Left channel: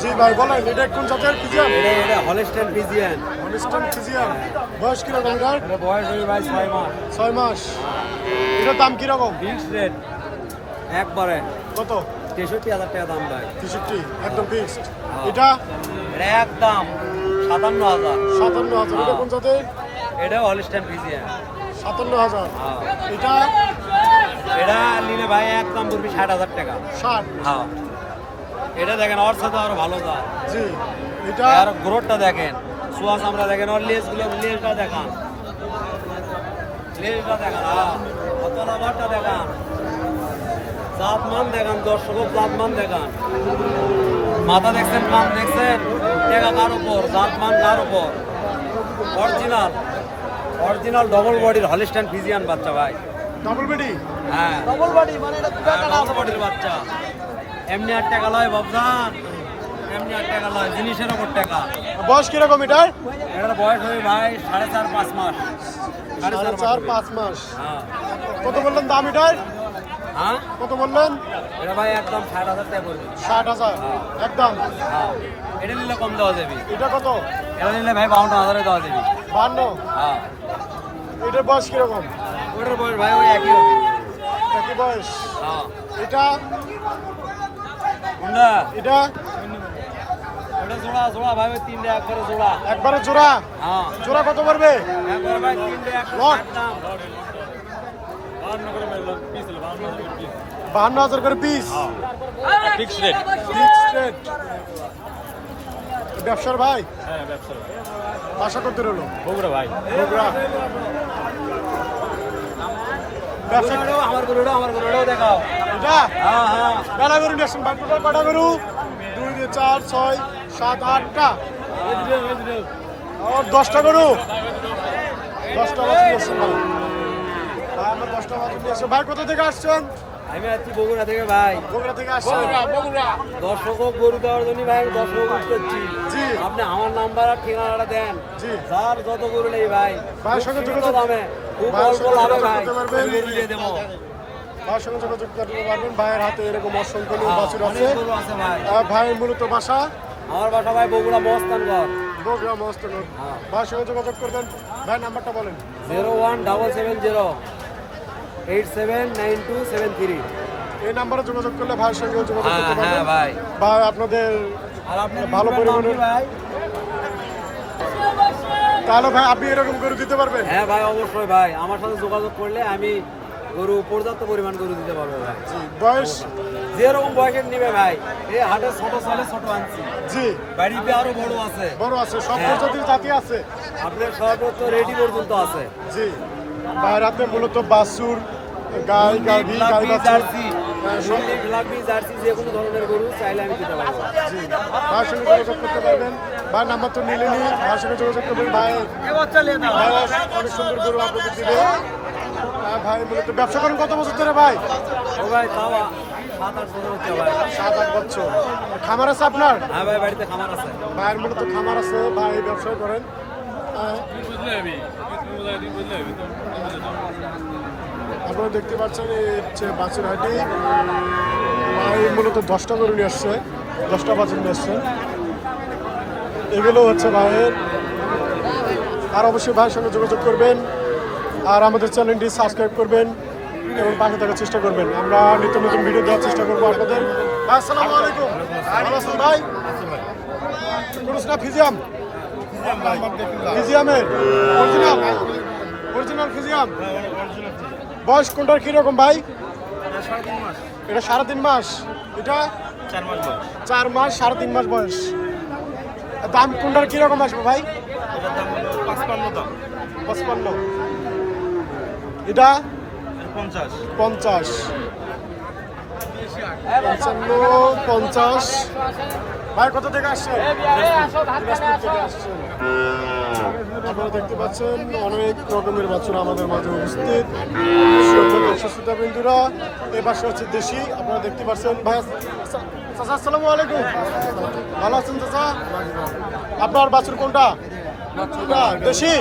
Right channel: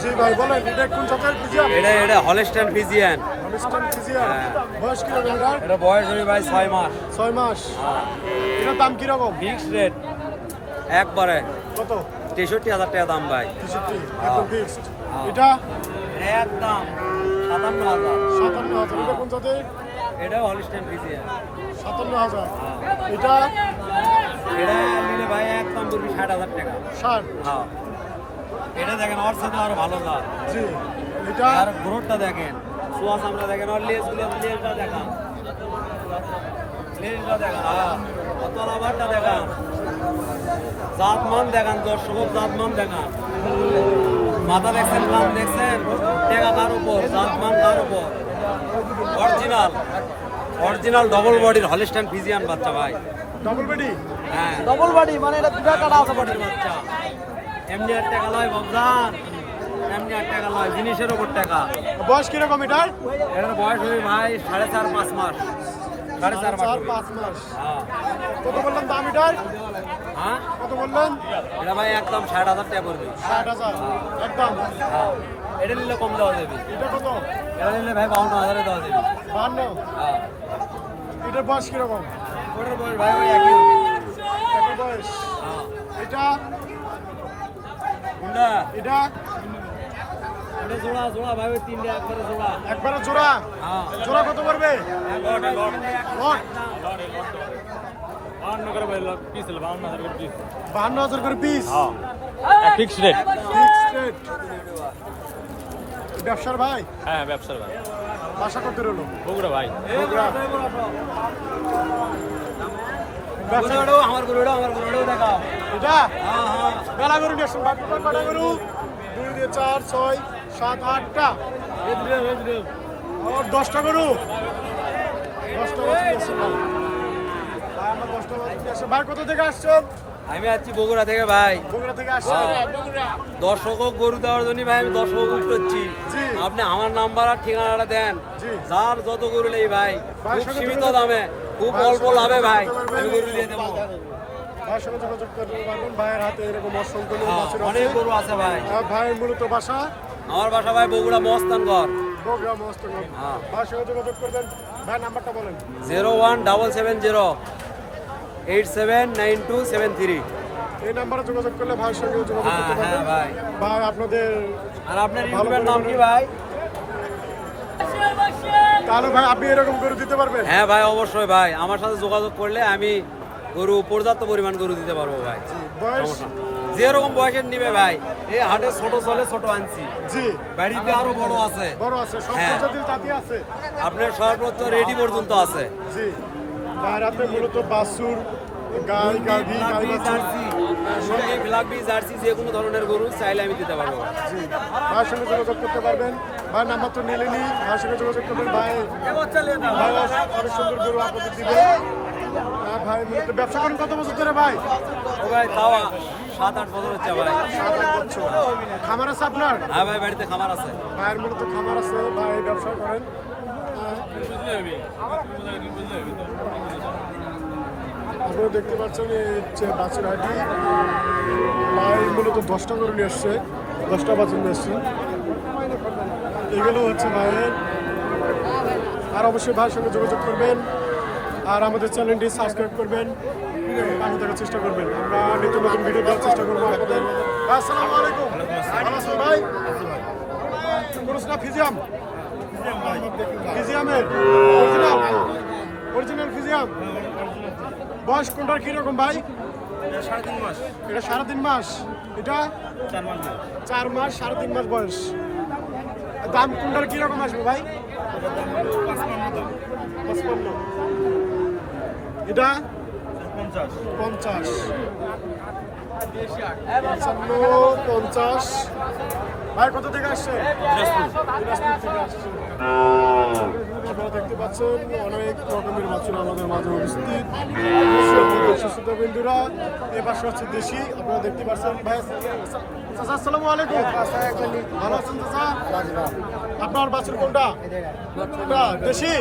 জি ভাই বলেন এটা কোন জাতের ফিজিয়াম এটা এটা হলস্টাইন ফিজিয়ান অনেস্টান ফিজিয়াম বয়স কীরকম এটার? বয়স ভাই ছয় মাস। ছয় মাস। এটার দাম কীরকম? ফিক্সড রেট একবারে। কত? তেষট্টি হাজার টাকা দাম ভাই। তেষট্টি একদম ফিক্সড হ্যাঁ। এটা? এটা একদম। সাতান্ন হাজার। সাতান্ন হাজার। এটা কোন জাতের? এটাও হলস্টাইন ফিজিয়ান সাতান্ন হাজার। হ্যাঁ। এটা? এটা নিলে ভাই একদম পড়বি ষাট হাজার টাকা। ষাট? হ্যাঁ। এটা দেখেন ওর সাথে আরও ভালো দাম জি। এটা? আর গ্রোথটা দেখেন। সুয়াস আমরা দেখেন ওর লেসগুলো লেসটা দেখান। লেসটা দেখান হ্যাঁ। কত নাম্বারটা দেখান। জাতমান দেখান দর্শক জাতমান দেখান। মাথা দেখছেন মান দেখছেন? টেকা কার উপর? জাতমান কার উপর? অরিজিনাল। অরিজিনাল ডবল বডির হলিস্টান ফিজিয়ান বাচ্চা ভাই। ডাবল বেডি হ্যাঁ। ডবল বডি মানে এটা ডবল বডির বাচ্চা। এমনি আট টাকা লয় বাবজান এমনি আট টাকা লয় জিনিসের উপর টাকা। বয়স কীরকম এটার? এটার বয়স হবে ভাই সাড়ে চার পাঁচ মাস। সাড়ে সাড়ে চার পাঁচ মাস। হ্যাঁ। কত বললেন দাম এটার? হ্যাঁ? কত বললেন? এটা ভাই একদম ষাট হাজার টাকা পড়বে ষাট হাজার? হ্যাঁ। একদম? হ্যাঁ। এটা নিলে কম দেওয়া যাবে। এটা কত? এটা নিলে ভাই বাউন্ন হাজারে দেওয়া যাবে। বান্ন হ্যাঁ। এটার বয়স কীরকম? ওটার বয়স ভাই একই একই বয়স? হ্যাঁ। এটা? না এটা? এটা জোড়া জোড়া ওই তিনটে একবারে জোড়া। একবারে জোড়া? হ্যাঁ। জোড়া কত পড়বে? লট। বাহান্ন হাজার করে পিস ফিক্সড রেট ব্যবসার ভাই? হ্যাঁ ব্যবসার ভাই। বাসা করতে রইল বগুড়া ভাই। বগুড়া। আমার গরুটাও আমার গরুটাও দেখাও এটা? হ্যাঁ হ্যাঁ। বেলা গরু নিয়ে আসুন ভাই কটা গরু দুই দিয়ে চার ছয় সাত আটটা। আর দশটা গরু দশটা বছর নিয়ে আসছেন ভাই ভাই আমার দশটা বছর নিয়ে ভাই কোথা থেকে আসছেন? আমি আছি বগুড়া থেকে ভাই। বগুড়া থেকে আসছেন? দর্শক গরু দেওয়ার জন্য ভাই আমি দর্শক করছি। আপনি আমার নাম্বার আর ঠিকানাটা দেন। যার যত গরু নেই ভাই সীমিত দামে খুব অল্প লাভে ভাই আমি গরু দিয়ে দেবো। ভাইয়ের সঙ্গে যোগাযোগ করতে পারবেন? ভাইয়ের হাতে এরকম অসংখ্য হ্যাঁ, বাছুর আছে। ভাই। মূলত বাসা? আমার বাসা ভাই বগুড়া মস্তানগর বগুড়া মস্ত হ্যাঁ। ভাইয়ের সঙ্গে যোগাযোগ করবেন? ভাই নাম্বারটা বলেন। Zero one double seven zero. Eight seven nine two seven three. এই নাম্বারে যোগাযোগ করলে ভাইয়ের সঙ্গে যোগাযোগ হ্যাঁ করতে হ্যাঁ পারবেন। ভাই। ভাই আপনাদের আর আপনি ভালো পরিমাণে- ভাই। তাহলে ভাই আপনি এরকম গরু দিতে পারবেন? হ্যাঁ ভাই অবশ্যই ভাই। আমার সাথে যোগাযোগ করলে আমি গরু পর্যাপ্ত পরিমাণ গরু দিতে পারব ভাই। বয়স? যেরকম বয়সের নিবে ভাই। এই হাটে ছোট চলে ছোট আনছি। জি। বাড়িতে আরও বড় আছে। বড় আছে সব হ্যাঁ। প্রজাতির জাতি আছে। আপনার সর্বোচ্চ রেডি পর্যন্ত আছে। জি। ভাইয়ের হাতে মূলত বাছুর গাই গাভি গাই বাছুর। হ্যাঁ, মুরগি ফ্লাগবি জার্সি যে কোনো ধরনের গরু চাইলে আমি দিতে পারব। জি। ভাইয়ের সঙ্গে যোগাযোগ করতে পারবেন। ভাইয়ের নাম্বার তো নিলেনি ভাইয়ের সঙ্গে যোগাযোগ করবেন। ভাই ভাই অনেক সুন্দর গরু আপনাদের দিবে। হ্যাঁ, ভাই মূলত ব্যবসা করেন কত বছর ধরে ভাই? ও ভাই তাও সাত আট বছর হচ্ছে ভাই। সাত আট বছর। খামার আছে আপনার? হ্যাঁ ভাই বাড়িতে খামার আছে। ভাইয়ের মূলত খামার আছে। ভাই ব্যবসা করেন। হ্যাঁ। আপনারা দেখতে পাচ্ছেন এই হচ্ছে বাছুরহাটি ভাই মূলত দশটা গরু নিয়ে আসছে দশটা বাছুর নিয়ে আসছে। এগুলো হচ্ছে ভাইয়ের। আর অবশ্যই ভাইয়ের সঙ্গে যোগাযোগ করবেন আর আমাদের চ্যানেলটি সাবস্ক্রাইব করবেন এবং পাশে থাকার চেষ্টা করবেন। আমরা নিত্য নতুন ভিডিও দেওয়ার চেষ্টা করব আপনাদের। ভাই আসসালামু আলাইকুম। ভালো আছেন ভাই? কোন ফিজিয়াম। ফিজিয়ামের। অরিজিনাল। অরিজিনাল ফিজিয়াম বয়স কোনটার কীরকম ভাই? সাড়ে তিন মাস। এটা সাড়ে তিন মাস। এটা? চার মাস চার মাস সাড়ে তিন মাস বয়স। দাম কোনটার কীরকম আসবে ভাই? পঁচপান্ন এটা? পঞ্চাশ। পঞ্চাশ। পঞ্চান্ন পঞ্চাশ। ভাই কোথা থেকে আসছেন দিনাজপুর। থেকে আসছেন আপনারা দেখতে পাচ্ছেন অনেক রকমের বাচ্চারা আমাদের মাঝে উপস্থিত। সুস্থতা বিন্দুরা এ পাশে হচ্ছে দেশি আপনারা দেখতে পাচ্ছেন। ভাই চাচা আসসালামু আলাইকুম। ভালো আছেন চাচা? আপনার বাছুর কোনটা? এটা দেশি?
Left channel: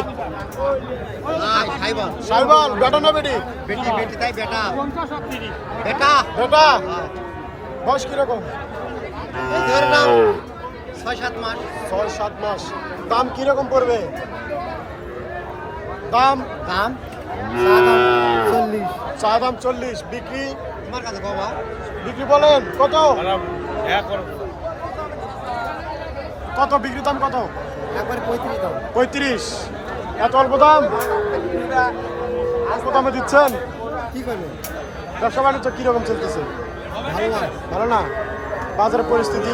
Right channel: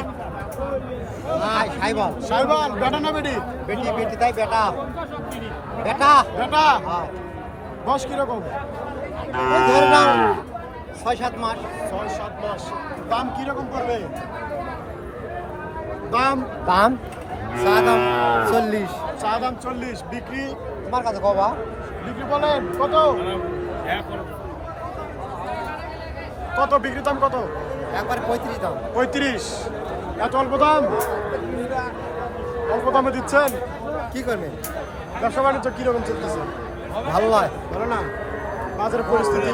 সাইবাল বেটা না বেটি? বেটি বেটি তাই বেটা বেটা বেটা বয়স কীরকম? ছয় সাত মাস। ছয় সাত মাস। দাম কীরকম পড়বে? দাম? দাম? চা দাম চল্লিশ। চা দাম চল্লিশ। বিক্রি? তোমার কাছে বাবা বিক্রি বলেন কত? কত? বিক্রি দাম কত? একবার পঁয়ত্রিশ দাম। পঁয়ত্রিশ। এত অল্প দাম? অল্প দামে দিচ্ছেন? কি করবে? ব্যবসা বাণিজ্য কীরকম চলতেছে? ভালো নয়। ভালো না? বাজারের পরিস্থিতি?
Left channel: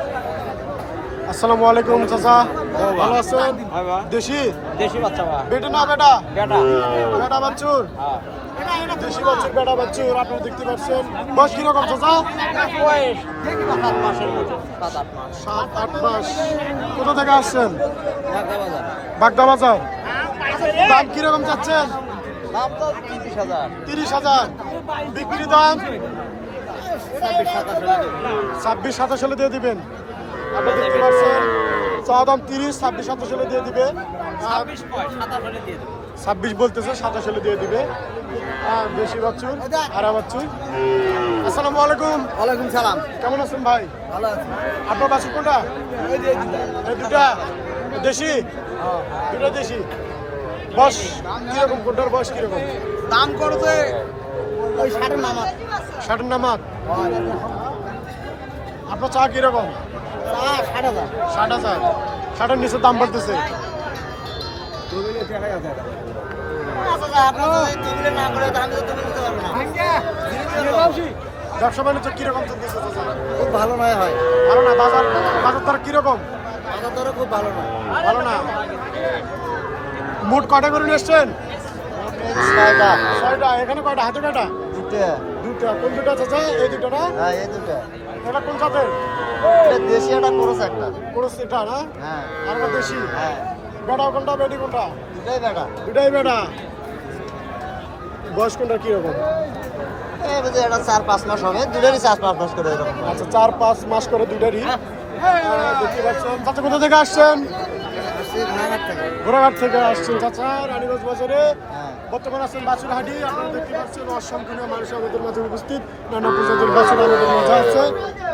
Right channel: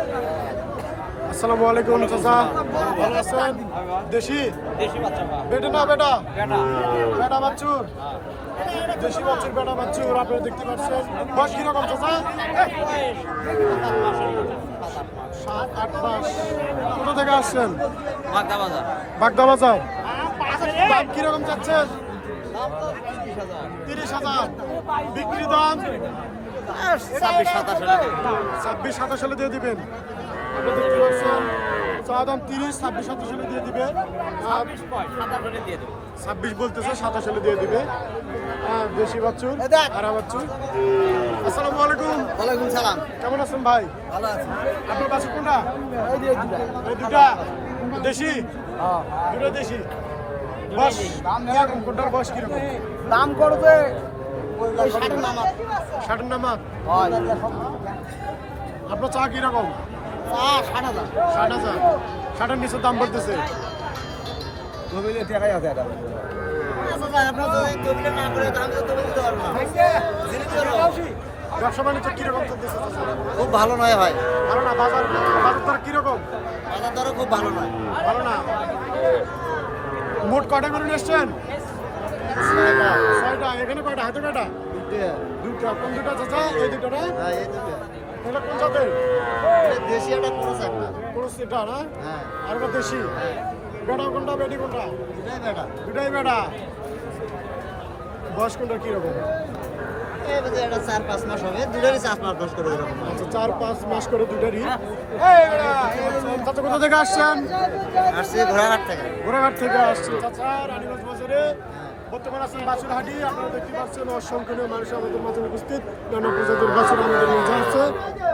আসসালামু আলাইকুম চাচা। ভালো আছেন? দেশি? দেশি বাচ্চা বেটা না বেটা? বেটা। বেটা বাচ্চুর? দেশি বাচ্চুর বেটা বাচ্চুর আপনারা দেখতে পাচ্ছেন। বয়স কীরকম চাচা? সাত আট মাস। কোথা থেকে আসছেন? বাগদা বাজার দাম কীরকম চাচ্ছেন? তিরিশ হাজার। বিক্রি দাম? ছাব্বিশ সাতাশ হলে দিয়ে দিবেন। আপনি দেখতে পাচ্ছেন চা দাম তিরিশ ছাব্বিশ সাতাশ হলে দিয়ে দিবে। ছাব্বিশ বলতেছে সাতাশ হলে দিয়ে দিবে। আর দেশি বাচ্চুর আরা বাচ্চুর আসসালামু আলাইকুম। ওয়ালাইকুম সালাম। কেমন আছেন ভাই? ভালো আছি। আপনার বাছুর কোনটা? দুটা। দেশি? দুটা দেশি। বয়স কীরকম? কোনটার বয়স কীরকম? দাম করবে ওই ষাটের নামা ষাটের নামাত হয়। আপনার চা কীরকম? ষাট হাজার। ষাট হাজার। ষাটের নিচে দাম বাড়তেছে। ব্যবসা বাণিজ্য কীরকম চলতেছে খুব ভালো নয় হয় ভালো না বাজার? বাজার দর কীরকম? বাজার দরও খুব ভালো নয়। ভালো না? মোট কটা করে নিয়ে এসছেন? ছয়টা। এখানে কয়টা? হাতে কয়টা? দুটো দুটা কোন দুটা চাচা? এই দুটা না? হ্যাঁ এই দুটো এটা কোন জাতের? এটা দেশি একটা খরচ একটা। কোরস এটা না? হ্যাঁ। আর একটা দেশি? হ্যাঁ। বেটা কোনটা বেটি কোনটা? দুটাই বেটা। দুটাই বেটা? বয়স কোনটা কীরকম এটা চার পাঁচ মাস হবে দুটারই চার পাঁচ মাস করে এরকম। আচ্ছা চার পাঁচ মাস করে দুটারই? পাচ্ছেন। চাচা কোথা থেকে আসছেন? আসছে ঘোড়াঘাট থেকে। ঘোড়াঘাট থেকে আসছেন চাচা রানীগঞ্জ বাজারে হ্যাঁ। বর্তমানে আছেন বাছুর হাটি আপনারা দেখতে পাচ্ছেন অসংখ্য মানুষ আমাদের মাঝে উপস্থিত। নানা প্রজাতির বাছুর আমাদের মাঝে আছে।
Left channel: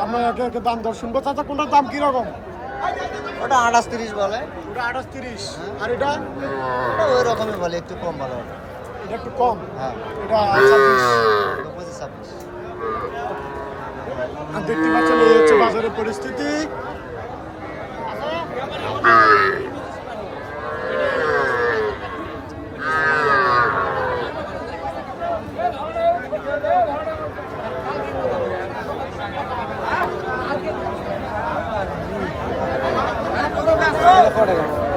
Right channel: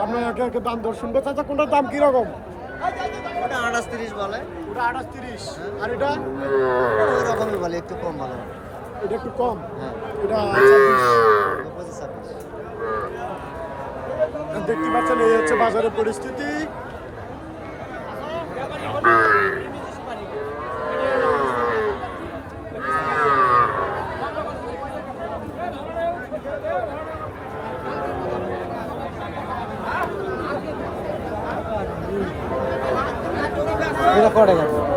আপনারা একে একে দাম দর শুনব। চাচা কোনটার দাম কীরকম? ওটা আঠাশ তিরিশ বলে। ওটা আঠাশ তিরিশ। আর এটা ওই রকমই বলে একটু কম বলে। এটা একটু কম? হ্যাঁ। এটা ছাব্বিশ। পঁচিশ ছাব্বিশ। দেখতে পাচ্ছেন এই হচ্ছে বাজারের পরিস্থিতি।